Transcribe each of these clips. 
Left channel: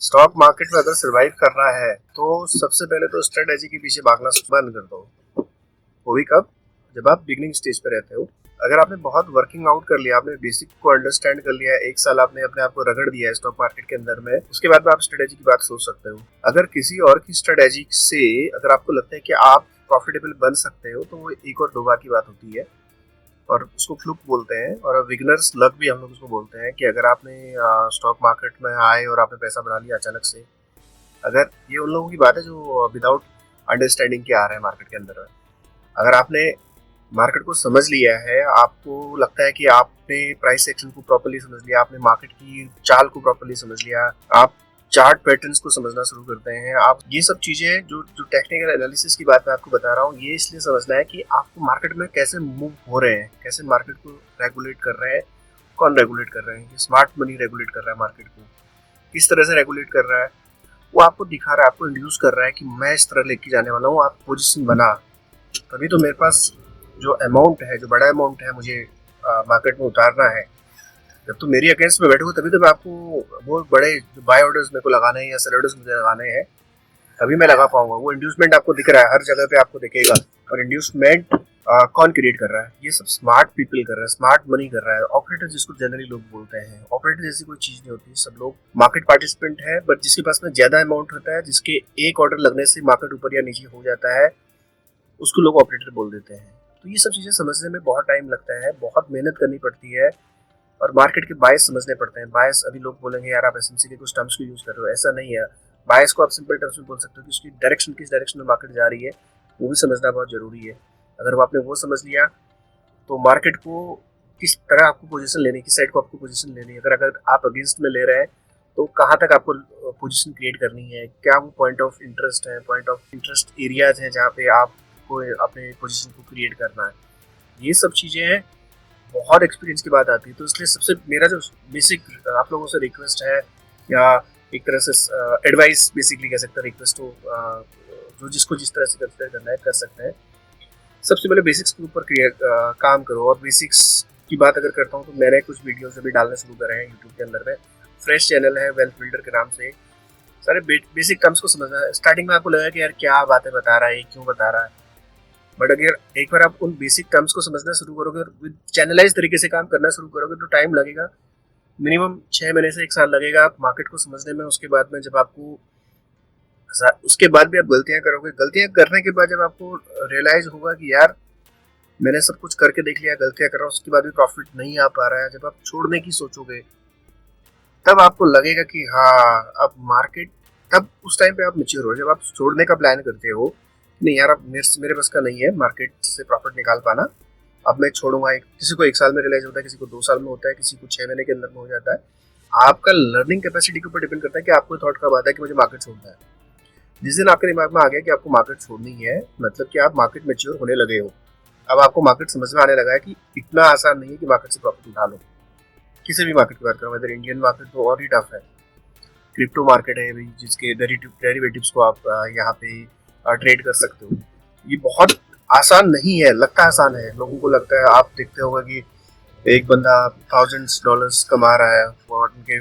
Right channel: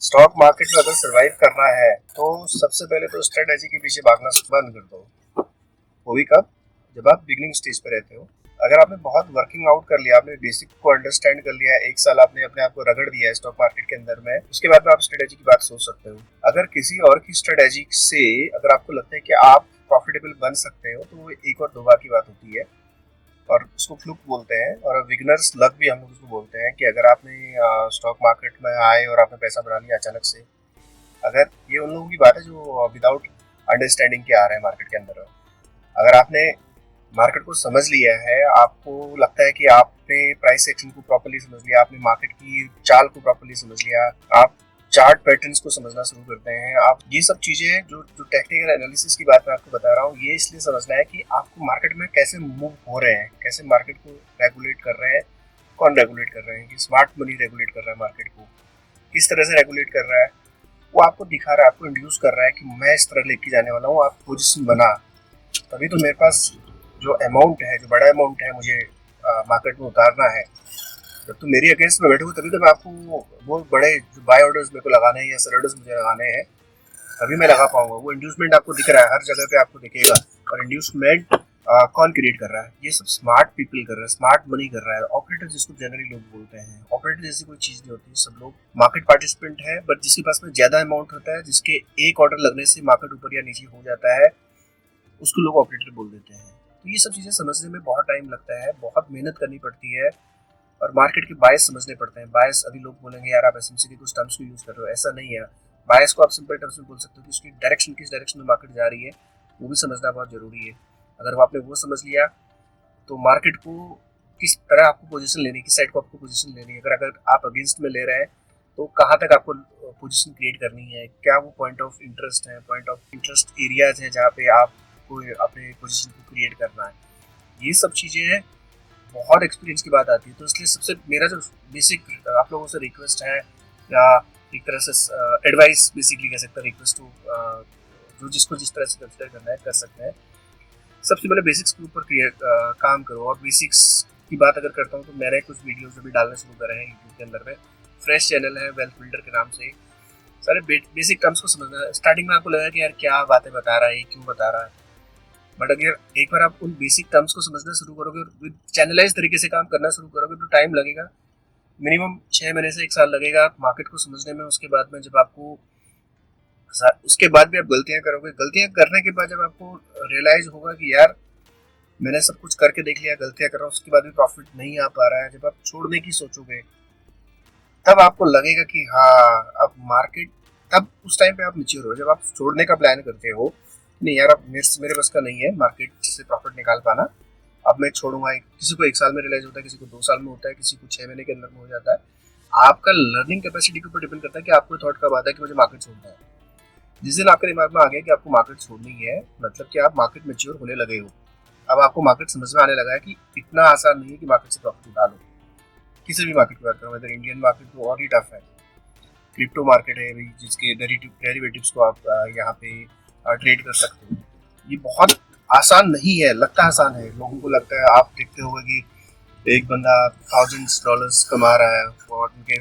Stock market में अगर survive करना है तो सबसे पहले तो स्ट्रेटेजी के पीछे भागना बंद कर दो। वो भी कब? जब आप बिगिनिंग स्टेज पे रहते हो। अगर आपने बहुत वर्किंग आउट कर लिया, आपने बेसिक को अंडरस्टैंड कर लिया है, एक साल आपने अपने आप को रगड़ दिया है स्टॉक मार्केट के अंदर में, उसके बाद में आप स्ट्रेटेजी की बात सोच सकते हो। अगर किसी और की स्ट्रेटेजी से अगर आपको लगता है कि आप प्रॉफिटेबल बन सकते हो तो वो एक और दो बार की बात होती है और उसको फ्लुक बोलते हैं और बिगिनर्स लक भी हम लोग उसको बोलते हैं। कि अगर आपने स्टॉक मार्केट में आए और आपने पैसा बना लिया अचानक से, अगर ये उन लोगों की बात है जो विदाउट अंडरस्टैंडिंग के आ रहे हैं मार्केट के अंदर में। अगर आपने मार्केट को समझ लिया है, आपको लगता है कि आपने प्राइस एक्शन को प्रॉपर्ली समझ लिया, आपने मार्केट की चाल को प्रॉपर्ली समझ लिया, आप चार्ट पैटर्न्स को समझना शुरू करते हैं, आप ये सब चीजें जो जो टेक्निकल एनालिसिस की बात मैं आपको बता रहा हूँ, ये इसलिए समझना है कि आपको मार्केट में कैसे मूव हो रहे हैं, कैसे मार्केट को रेगुलेट कर रहे हैं, कौन रेगुलेट कर रहे हैं, कि स्मार्ट मनी रेगुलेट कर रहा है मार्केट को, किस तरह से रेगुलेट कर रहा है, वो आपको दिखा रहा है, आपको इंड्यूस कर रहा है कि मैं इस तरह लेके जाने वाला हूँ, आप पोजिशन बना। तभी तो मेरे पास जो अमाउंट है, जो बड़ा अमाउंट है, मुझे मार्केट में उतारना है। जब तुम मेरी अगेंस्ट में बैठोगे तभी तो मैं आपको वो बड़े जो बाय ऑर्डर्स मेरे को लगाने हैं या सेल ऑर्डर्स मुझे लगाने हैं, तभी मैं लगा पाऊंगा। वो इंड्यूसमेंट आपको दिख रहा है, हर जगह पे आपको दिखेगा। और इंड्यूसमेंट कौन क्रिएट कर रहा है? ये सब स्मार्ट पीपल कर रहे हैं, स्मार्ट मनी कर रहा है। ऑपरेटर जिसको जनरली लोग बोलते हैं, ऑपरेटर जैसी कोई चीज नहीं होती। सब लोग मार्केट पार्टिसिपेंट है, बट जिसके पास में ज्यादा अमाउंट होता है, जिसके एक ऑर्डर लगने से मार्केट ऊपर या नीचे हो जाता है, उसको लोग ऑपरेटर बोल देते हैं। तो ये सब चीजें समझने में बहुत टाइम लगता है, बहुत मेहनत करनी पड़ती है और मार्केट के बायस समझने पड़ते हैं। बायस, अभी लोग बोलेंगे यार आप एसएमसी के कुछ टर्म्स को यूज कर रहे हो, ऐसा नहीं है। बायस को आप सिंपल टर्म्स में बोल सकते हो कि उसकी डायरेक्शन, किस डायरेक्शन में मार्केट जा रही है, वो भी समझना बहुत जरूरी है। अगर वो आपने वो समझ लिया तो मार्केट को किस तरह आपको पोजीशन लेनी है, किस साइड को आपको पोजीशन लेनी है, अगर आप अगेंस्ट में ले रहे हैं तो कहाँ तक आपको पोजीशन क्रिएट करनी है, क्या वो पॉइंट ऑफ इंटरेस्ट है, पॉइंट ऑफ इंटरेस्ट एरियाज हैं जहाँ पे आपको अपने पोजीशन को क्रिएट करना है। ये सब चीज़ें हैं, बहुत एक्सपीरियंस की बात आती है। तो इसलिए सबसे मेरा जो बेसिक आप लोगों से रिक्वेस्ट है, या एक तरह से एडवाइस बेसिकली कह सकते हैं, रिक्वेस्ट हो, जो जिसको जिस तरह से कंसिडर करना है कर सकते हैं। सबसे पहले बेसिक्स के ऊपर काम करो। और बेसिक्स की बात अगर करता हूँ तो मैंने कुछ वीडियोस अभी डालने शुरू करे हैं यूट्यूब के अंदर में। फ्रेश चैनल है वेल्थ बिल्डर के नाम से। सारे बेसिक टर्म्स को समझना है। स्टार्टिंग में आपको लगा कि यार क्या बातें बता रहा है, क्यों बता रहा है, बट अगर एक बार आप उन बेसिक टर्म्स को समझना शुरू करोगे और विद चैनलाइज तरीके से काम करना शुरू करोगे तो टाइम लगेगा, मिनिमम 6 महीने से 1 साल लगेगा आप मार्केट को समझने में। उसके बाद में जब आपको, उसके बाद भी आप गलतियां करोगे, गलतियां करने के बाद जब आपको रियलाइज होगा कि यार मैंने सब कुछ करके देख लिया, गलतियां कर रहा हूँ, उसके बाद भी प्रॉफिट नहीं आ पा रहा है, जब आप छोड़ने की सोचोगे तब आपको लगेगा कि हाँ अब मार्केट, तब उस टाइम पे आप मेच्योर हो। जब आप छोड़ने का प्लान करते हो, नहीं यार अब मेरे बस का नहीं है मार्केट से प्रॉफिट निकाल पाना, अब मैं छोड़ूंगा। किसी को 1 साल में रियलाइज होता है, किसी को 2 साल में होता है, किसी को 6 महीने के अंदर में हो जाता है। आपका लर्निंग कैपेसिटी के ऊपर डिपेंड करता है कि आपको थॉट कब आता है कि मुझे मार्केट छोड़ना है। जिस दिन आपके दिमाग में आ गया कि आपको मार्केट छोड़नी है, मतलब कि आप मार्केट मेच्योर होने लगे हो। अब आपको मार्केट समझ में आने लगा है कि इतना आसान नहीं है कि मार्केट से प्रॉफिट उठा लो। किसी भी मार्केट की बात करो, अगर इंडियन मार्केट तो और ही टफ है। क्रिप्टो मार्केट है अभी, जिसके डेरिवेटिव्स को आप यहाँ पे ट्रेड कर सकते हो। ये बहुत आसान नहीं है, लगता आसान है, लोगों को लगता है। आप देखते होगा कि एक बंदा $1000s कमा रहा है और उनके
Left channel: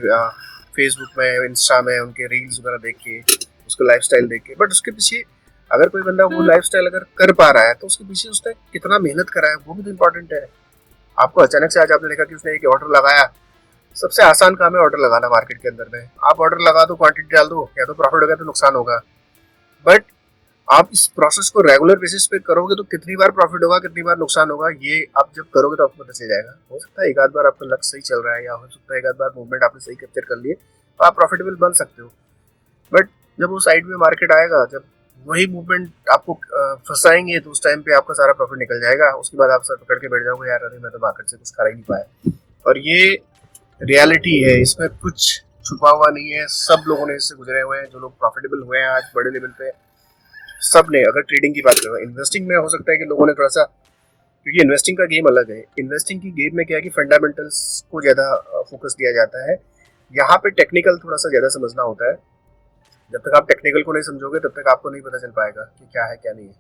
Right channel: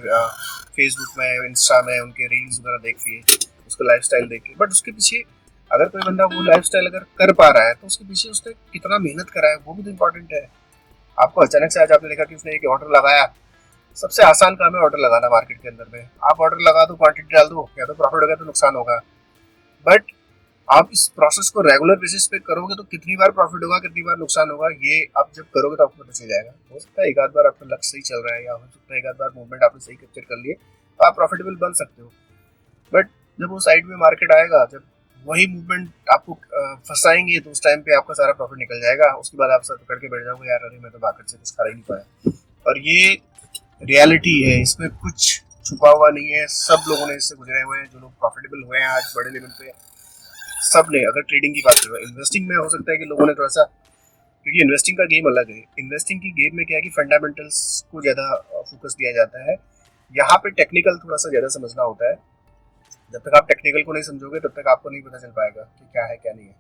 फेसबुक में, इंस्टा में उनके रील्स वगैरह देख के, उसका लाइफस्टाइल देख के, बट उसके पीछे अगर कोई बंदा वो लाइफस्टाइल अगर कर पा रहा है तो उसके पीछे उसने कितना मेहनत करा है वो भी तो इम्पोर्टेंट है। आपको अचानक से आज आपने देखा कि उसने एक ऑर्डर लगाया, सबसे आसान काम है ऑर्डर लगाना मार्केट के अंदर में। आप ऑर्डर लगा दो, क्वांटिटी डाल दो, या तो प्रॉफिट होगा तो नुकसान होगा। बट आप इस प्रोसेस को रेगुलर बेसिस पे करोगे तो कितनी बार प्रॉफिट होगा, कितनी बार नुकसान होगा, ये आप जब करोगे तो आपको पता चल जाएगा। हो सकता है एक आध बार आपका लक्ष्य सही चल रहा है, या हो सकता है एक आध बार मूवमेंट आपने सही कैप्चर कर लिए तो आप प्रॉफिटेबल बन सकते हो। बट जब वो साइड में मार्केट आएगा, जब वही मूवमेंट आपको फंसाएंगे, तो उस टाइम पे आपका सारा प्रॉफिट निकल जाएगा। उसके बाद आप सर पकड़ के बैठ जाओगे, यार अरे मैं तो मार्केट से कुछ खा ही नहीं पाया। और ये रियलिटी है, इसमें कुछ छुपा हुआ नहीं है। सब लोगों ने इससे गुजरे हुए हैं, जो लोग प्रॉफिटेबल हुए हैं आज बड़े लेवल पे, सब ने। अगर ट्रेडिंग की बात करो, इन्वेस्टिंग में हो सकता है कि लोगों ने थोड़ा सा, क्योंकि इन्वेस्टिंग का गेम अलग है। इन्वेस्टिंग की गेम में क्या है कि फंडामेंटल्स को ज़्यादा फोकस दिया जाता है। यहाँ पे टेक्निकल थोड़ा सा ज़्यादा समझना होता है। जब तक आप टेक्निकल को नहीं समझोगे तब तक आपको नहीं पता चल पाएगा कि क्या है क्या नहीं है।